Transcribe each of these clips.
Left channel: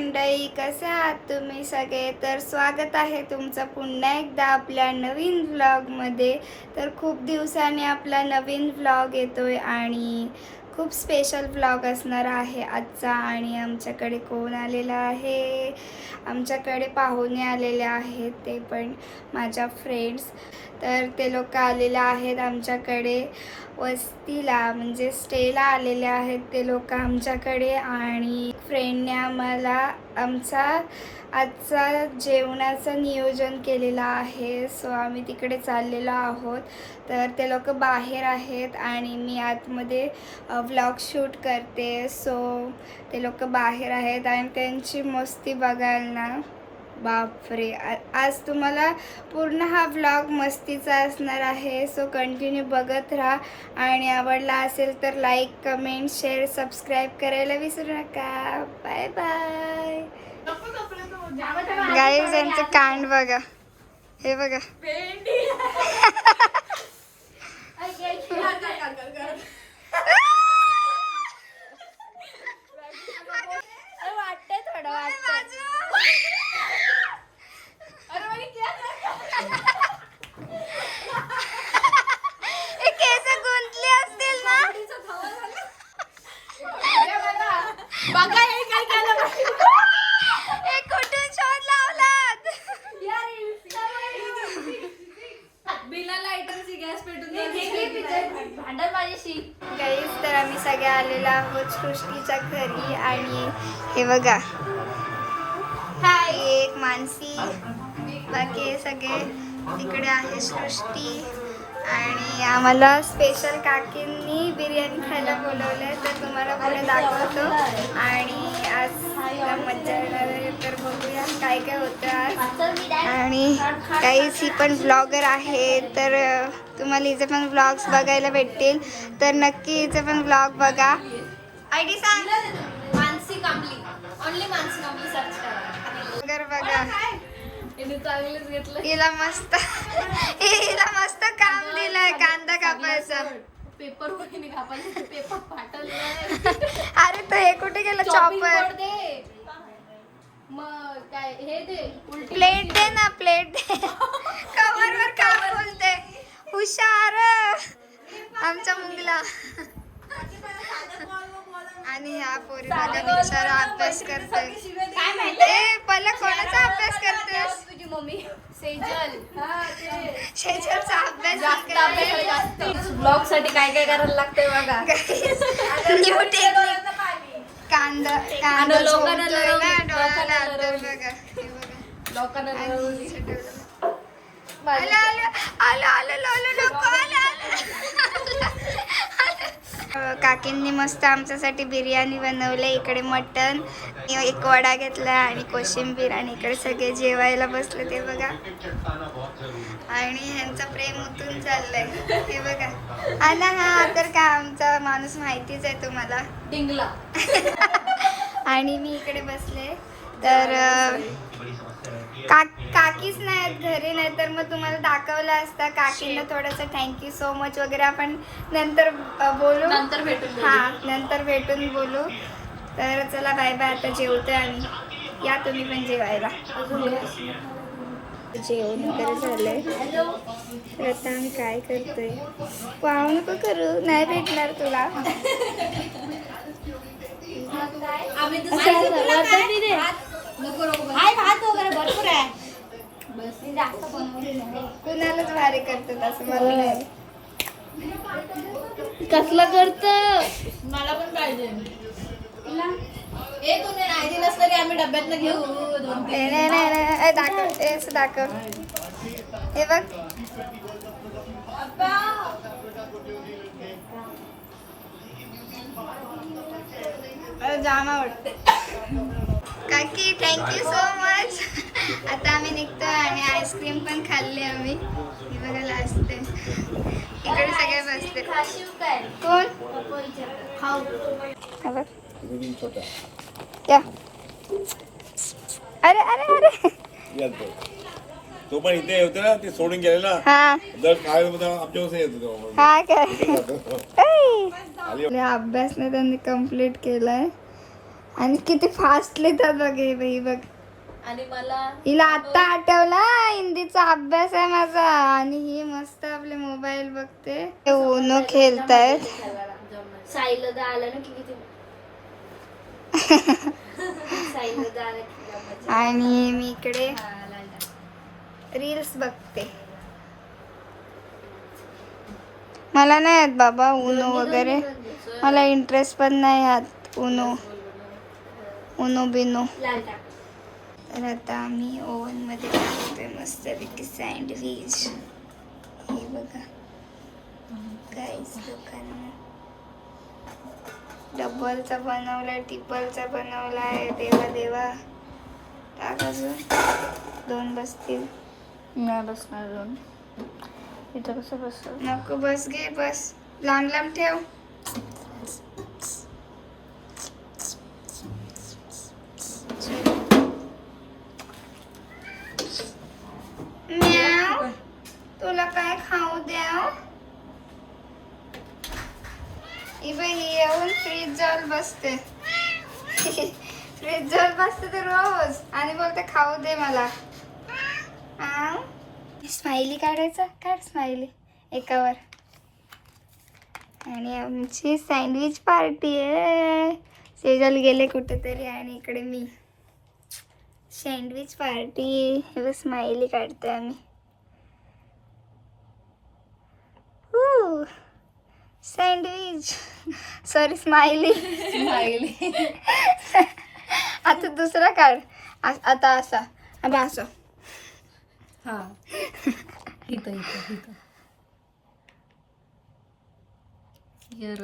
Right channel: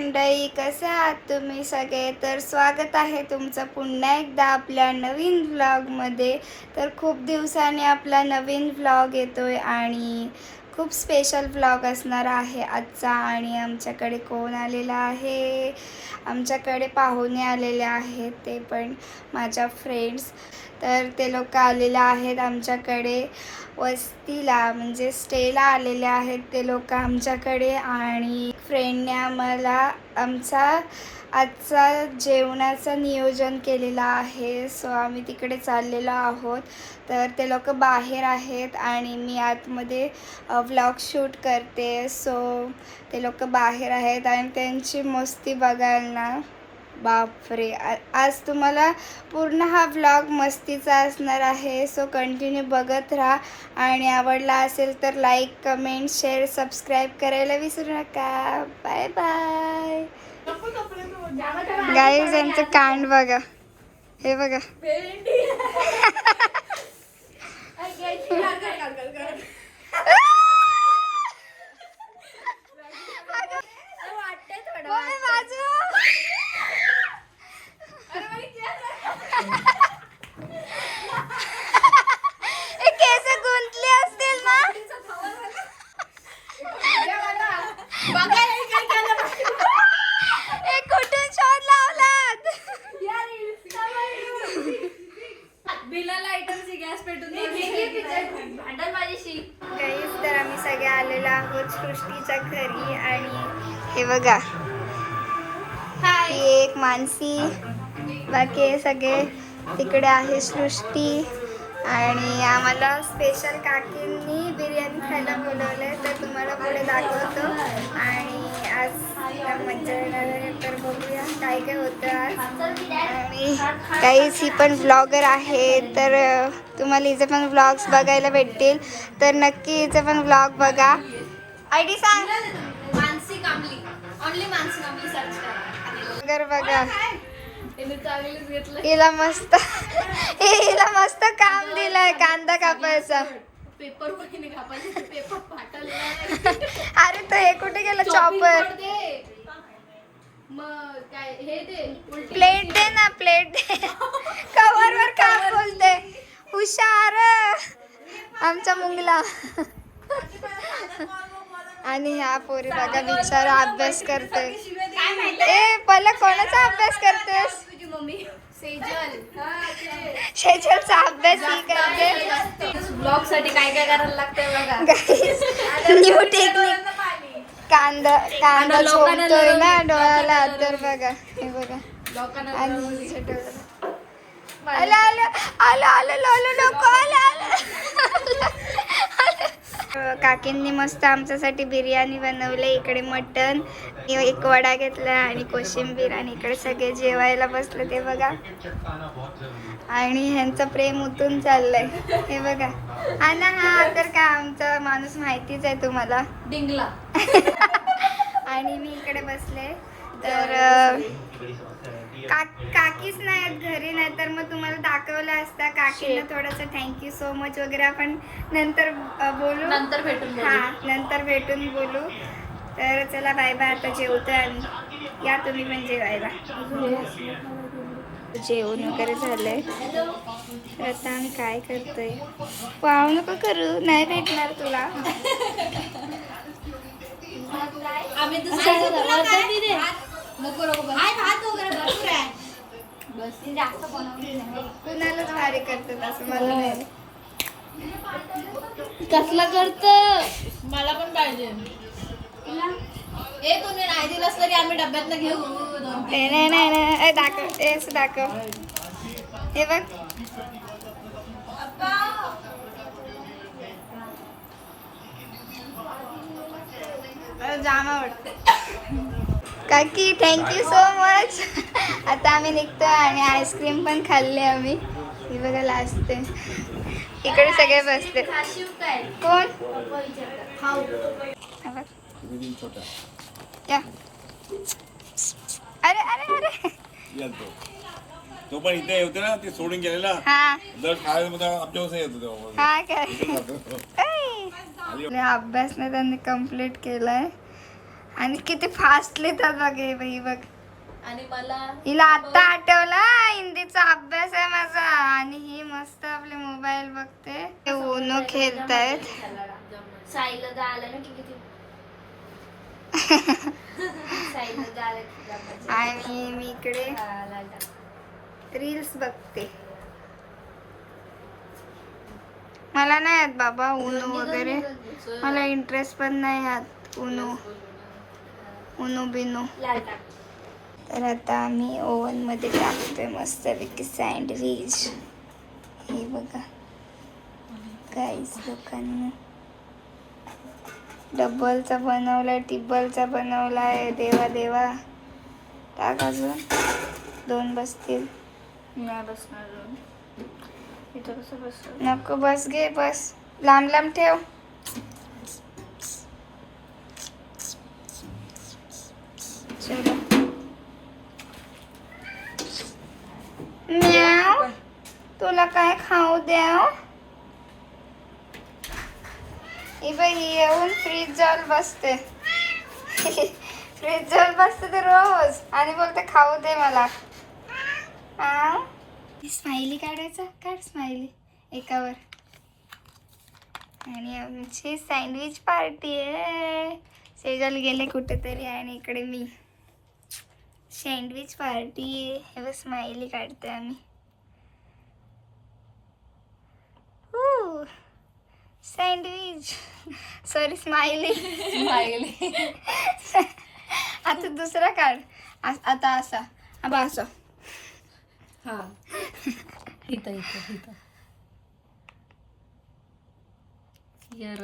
मंडळी, कसे आहात तुम्ही सगळे? तर स्वागत आहे तुमचं पुन्हा एकदा आपल्या नवीन व्लॉगमध्ये. तर खूप दिवसांनी आपला नवीन व्लॉग येतोय आणि खूप स्पेशल व्लॉग असणार आहे आजचा. आणि आमच्याकडे कोण आलेला आहे? आमच्याकडे पाहुणे आलेले आहेत, ते पण माझ्या फ्रेंड्स. तर ते लोक आलेले आहेत आमच्याकडे वस्तीला, म्हणजे स्टेला आलेले आहेत ते लोक आमच्याकडे. आणि फ्रेंडने आम्हाला आमचा आजचा जेवणाचं नियोजन केलेलं आहे. सो आम्ही तिकडे चाललेलो आहोत. तर ते लोक बाहेर आहेत आणि मी आतमध्ये व्लॉग शूट करते. सो ते लोक बाहेर आहेत आणि त्यांची मस्ती बघायला ना, बापरे. आज तुम्हाला पूर्ण हा व्लॉग मस्तीचा असणार आहे. सो कंटिन्यू बघत राहा आणि आवडला असेल तर लाईक, कमेंट, शेअर, सबस्क्राईब करायला विसरू नका. Bye bye. गाईज, यांचे कांड बघा, हे बघा. तर आम्ही सगळे आलेलो आहोत सृष्टीच्या घरी. आणि हे बघा, ही एक मानसी, बाकी सगळे तिकडे आहे सृष्टी. आणि आम्हाला स्पेशल काकींनी बिर्याणी खायला बोलवलंय, तर तुम्हाला पुढे दाखवतो. आणि आज मज्जा येणार आहे, तर बघूया काय काय होतं आज. आणि काहीच ही पण ब्लॉगर आहे, तर तुम्हाला हिचे पण व्लॉग्स बघायला भेटतील. तर नक्की हिचे पण व्लॉग बघा. आयडी सांग. मानसी कांबली, ओनली मानसी कांबली सर्च करा. बघा, हिला मस्त काम दिलंय, कांदा कापायचा. पेपर वगैरे कापायचं, पेपर फाटल. अरे तो हे कुठे गेला? चॉपर. मग काय हे दे, प्लेट दे ना, प्लेट दे. कवर वर काम बोलते. हुशार आमचा मुंगला. आणि ह्या पोरी बघा, बिचारा अभ्यास करते. ए पला, कोणाचा अभ्यास करतेस? सेजलचा अभ्यास ही करते. ब्लॉग साठी काय काय करायला लागतंय बघा. New technique. कांदा झोपतोय ना डोळ्याला, तर बघा हे बघा. आणि आलं आलं आलं आलं नको आलं. काकींनी मस्त आमच्यासाठी बिर्याणी बनवली. इकडे मटण, एक वडा घेतला आणि कोशिंबीर. आणि इकडे सगळे जेवायला बसले, ते बघा. आणि ह्यांचं प्रेम उतून चाललंय, हे बघा. हा ना, हा तर का आमचा माणूस माहितीच आहे तुम्हाला, डिंगला. आणि मी इकडे बसले. तर काकीच नाहीत घरी, नाही तर मग तुम्हाला दाखवलं असता. काकींना थोडंसं थँक्यू सो मच वगैरे आपण नंतर बोलू, नंतर भेटून बोलू. हां, नंतर भेटून बोलू. तर चला बाय बाय, आता जेवतोय आम्ही. या तुम्ही पण जेवायला. जेवण वगैरे झालंय. तर आता आम्ही काय करतोय? वाव नको करू, नाही भेटणार तुला. भात वगैरे भरपूर आहे, बस जास्त बनवली नाही. कुणालाच भारी करतात असं मला नाही. कसलं करत? मला पण पाहिजे. ए तुम्ही नाही दिलंस तरी आम्ही डब्यात घेऊ. नाही दाखव, असं दाखव. हे बघ, जाम आवडते. काकी थँक्यू सो मच. आता आम्ही निघतोय आणि आईस्क्रीम पण खाल्ली आम्ही. बघायला असते इकडे सगळे बसते. कोण? या. अरे अरे अरे, तो पण इथे होते ना, ते सोडून गेले ना. हा दर शाळेमध्ये आमच्या येत होते. हा काय अभ्यास नाही त्यांनी कम्प्लीट केलाय. आणि किती फास्ट लिहितात बघ हे बाई बघ. आणि मला हिला आता आठवला हिंदीचा अभ्यास आहे माझा आणि ही मस्त आपले मोबाईल बघते. उनो खेळतायत. साईला दा आला ना की किती साईला दा आला की आणि मी इकडे रील्स बघते. मला नाही येत बाबा उनो वगैरे, मला इंटरेस्ट पण नाही यात उनो बिनो. तर आता आम्ही ओव्हन मध्ये टाकतोय मस्तपैकी सँडविच. हे बघा गाईस, लोकांना डबलचा बनवलाय, टिबलचा बनवलाय. देवा देवा, टाक अजून 2 बसतील. नाही बसणार इथं कसं बस. नको बस घे, बस लांब लांब ठेव. म्याव, तुला काय खाऊ द्याव? ही बाई येऊन फ्रीज जवळ बसते. फ्रीज जवळ बसते तर रोज आणि बोलते खाऊ दे मला. स्माइली काढायचं, काढ स्माइली एकावर. आणि आमची सँडविच पार्टी आहे. सेजल गेले कुठेतरी आणि इकडे मी. Sandwich party. हे स्माइली काढतोय आम्ही. Sandwich, sorry smiley. आता दुसरा काढ. आता असा असा. हा इथं इथं इथं यर.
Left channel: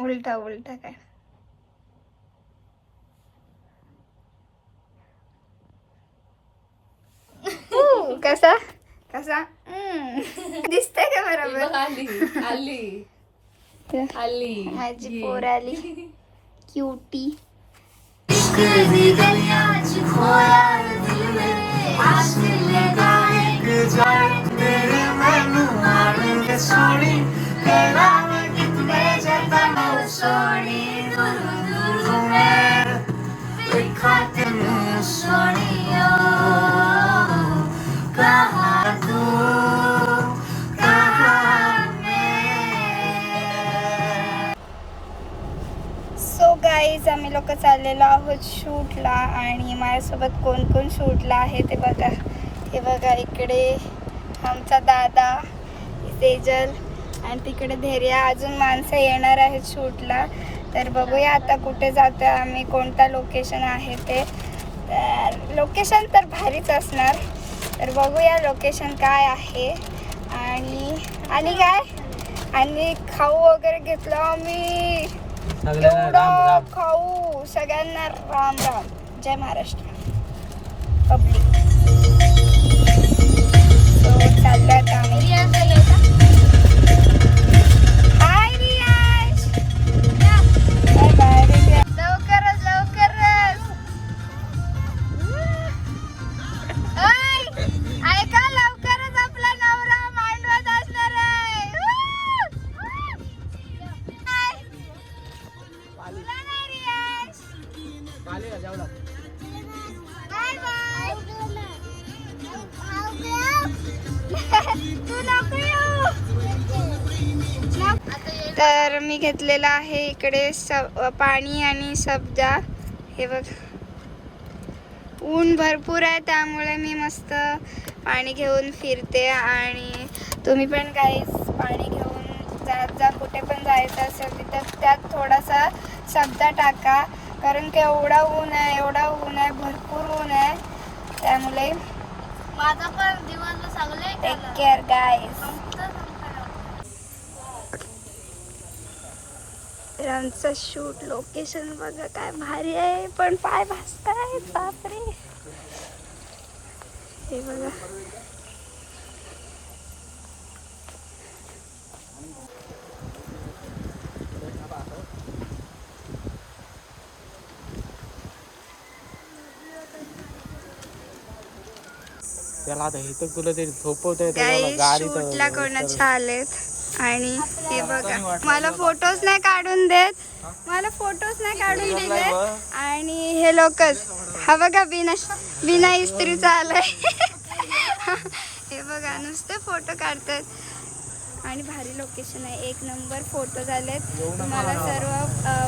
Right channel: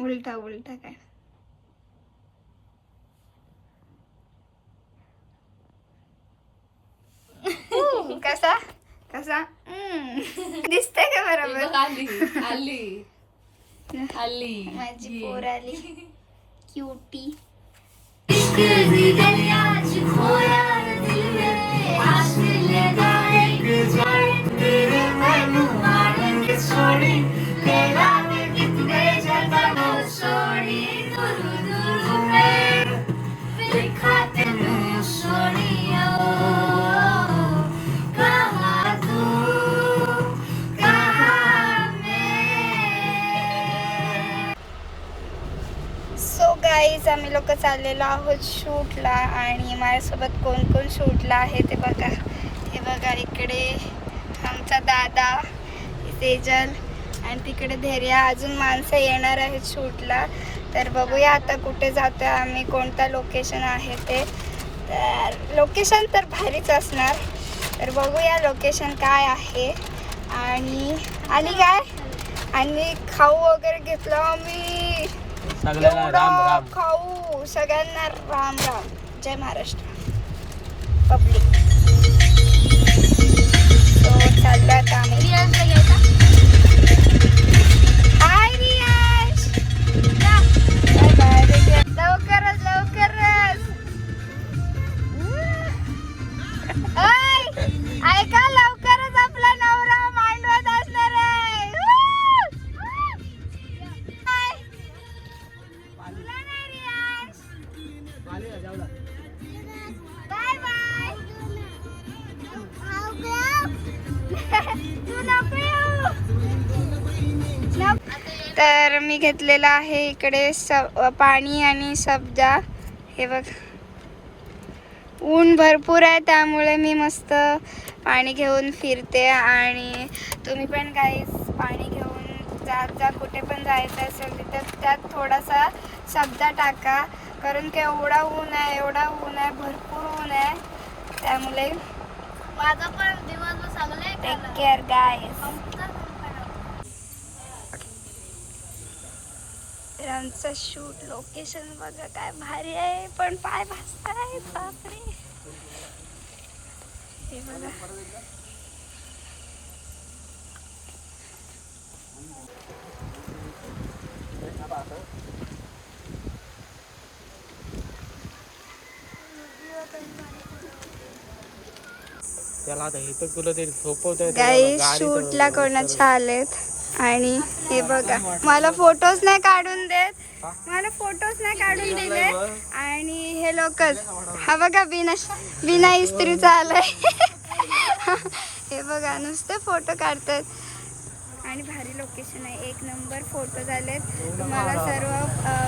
उलटा उलटा काय. कसा कसा दिसतंय का बरोबर? आली आली आली माझी पोर आली क्यूटी. सो गाईज, आम्ही लोक चाललेलो आहोत शूटला. आणि माझ्यासोबत कोण कोण शूटला आहे ते बघा. हे बघा, इकडे आमचा दादा सेजल आणि तिकडे धैर्य. अजून माणसं येणार आहेत शूटला. तर बघूया आता कुठे जातो आम्ही, कोणता लोकेशन आहे ते. तर लोकेशन तर भारीच असणार. तर बघूया लोकेशन काय आहे. आणि काय आणि खाऊ वगैरे घेतलं आम्ही. एवढं खाऊ. सगळ्यांना राम राम. जय महाराष्ट्र पब्लिक. सो चाललो आता आम्ही. हाय रियाज, बाय बाय. लवकरच लवकरच. ऐका, लवकरच आपला नवरा मांडवत असणार आहे. तर मी घेतलेलं आहे इकडे पाणी आणि सब्जा. हे बघ, ऊन भरपूर आहे त्यामुळे मी मस्त पाणी घेऊन फिरते. आणि तुम्ही पण गाईस पाणी घेऊन जात जा. कुठे पण जायचं असेल तिथं त्यात थोडासा सब्जा टाका. कारण की एवढा ऊन आहे भरपूर ऊन आहे. त्यामुळे माझा पण दिवस चांगला. टेक केअर गाईस. आमचं शूट लोकेशन बघा काय भारी आहे. पण पाय भाजताय बापरे. हे बघा, त्याला आता हे तर तुला ते झोपवतंय. गाईस शूटला कोणाच्या आलेत आणि हे बघा मला फोटोज नाही काढून दिले आणि हे लोकच हा बघा बिना इस्त्रीचा आलाय हे बघा नुसते फोटो काढतात आणि भारी लोकेशन आहे, एक नंबर फोटो झालेत. तुम्हाला सर्व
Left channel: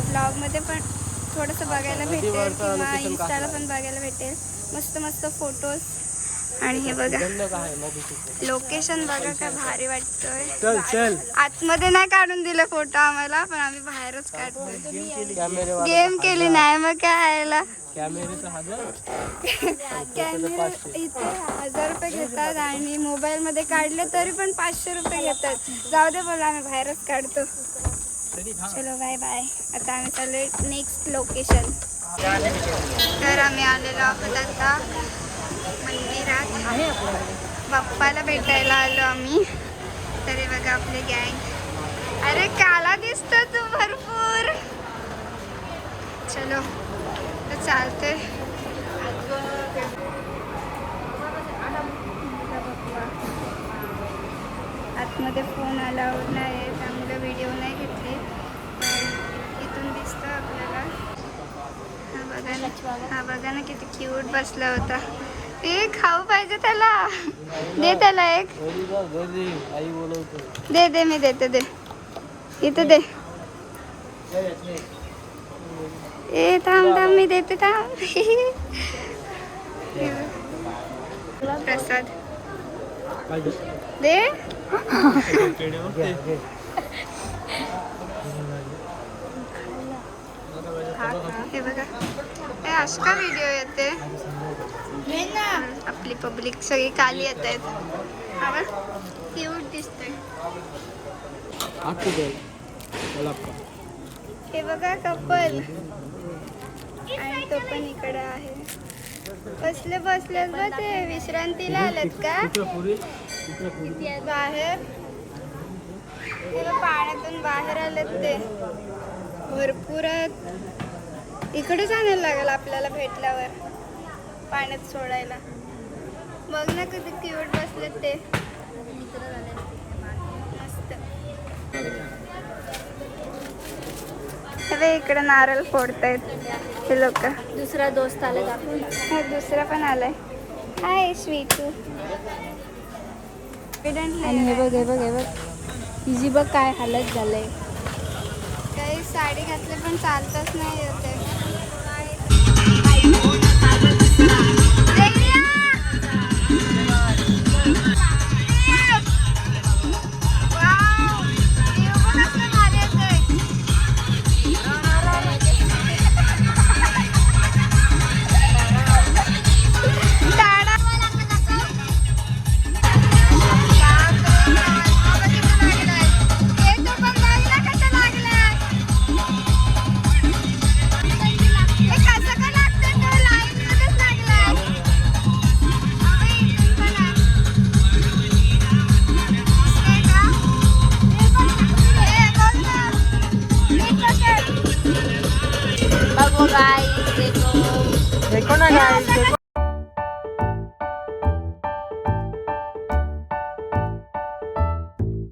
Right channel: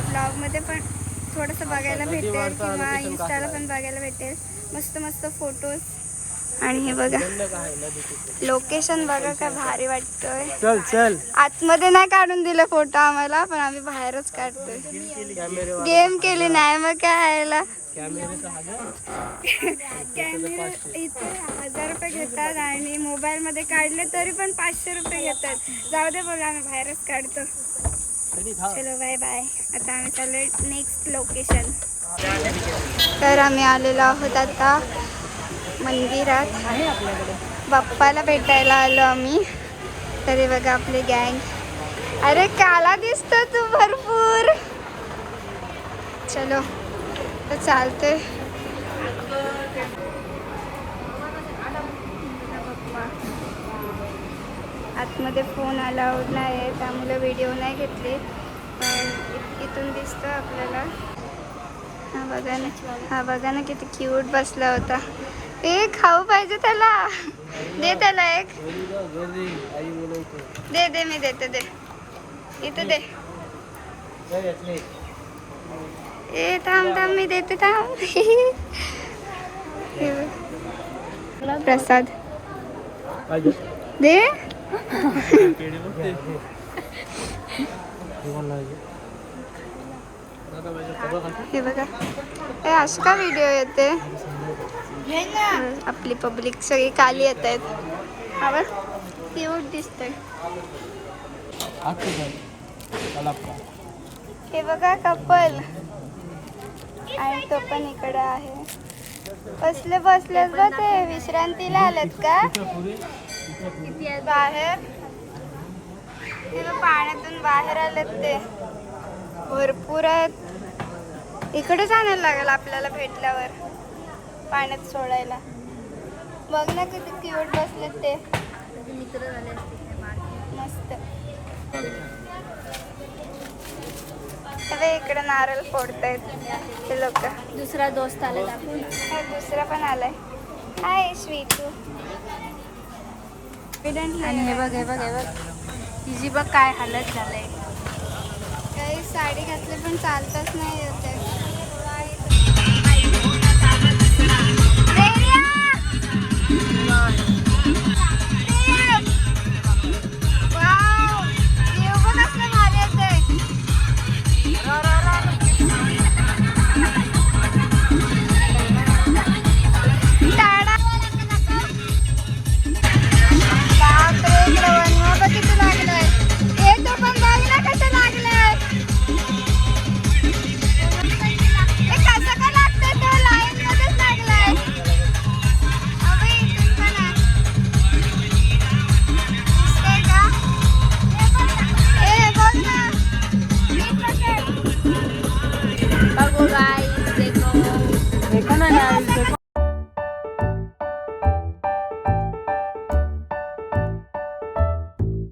ब्लॉगमध्ये पण थोडंसं बघायला भेटेल किंवा इन्स्टाला पण बघायला भेटेल. मस्त मस्त फोटोज आणि हे बघा लोकेशन बघा काय भारी वाटतोय. चल आतमध्ये नाही काढून दिलं फोटो आम्हाला, पण आम्ही बाहेरच काढतोय. गेम केली नाही मग काय यायला. कॅमेरा इथे 1000 रुपये घेतात आणि मोबाईल मध्ये काढले तरी पण 500 रुपये घेतात. जाऊ दे बोला आम्ही बाहेरच काढतो. चलो बाय बाय. आता आम्ही चाललोय नेक्स्ट लोकेशन. तर आम्ही आलेलो आहोत आता मंदिरात, बाप्पाला भेटायला आलो आम्ही. तरी बघा आपले गँग. अरे काला दिसतो तू भरपूर. चलो तर चालते. आतमध्ये फोन अलाउड नाही आहे त्यामुळे व्हिडिओ नाही घेतली, पण इथून दिसतं आपल्याला. हा बघा ना किती क्यूट बसला होता. एक खाऊ पाहिजे त्याला. दे त्याला एक. दे मी देते. दे इथे दे. ए थांब मी देते थांब. प्रसाद दे. हे बघा हे अशी का व्हिडिओ येते. आपली पब्लिक सगळी काली येत आहेत. हा क्यूट दिसतंय. हे बघा कपल आणि तो पण इकडे आहे. बसलेच बा ते विश्रांतीला आलेत का बाहेर. ते पाण्यातून बाहेर आलेत ते भरपूर आहेत. इकडेच आणायला लागेल आपल्याला भेटल्यावर पाण्यात सोडायला. बघ ना किती क्यूट बसलेत ते मित्र झाले मस्त. इकडे नारळ फोडतायत ते लोक. दुसरा दोस्त आला. दुसरा पण आलाय. हाय स्वीटू. बघ हिची बघ काय हालत झालंय. काही साडी घातली पण चालतच नाही होते.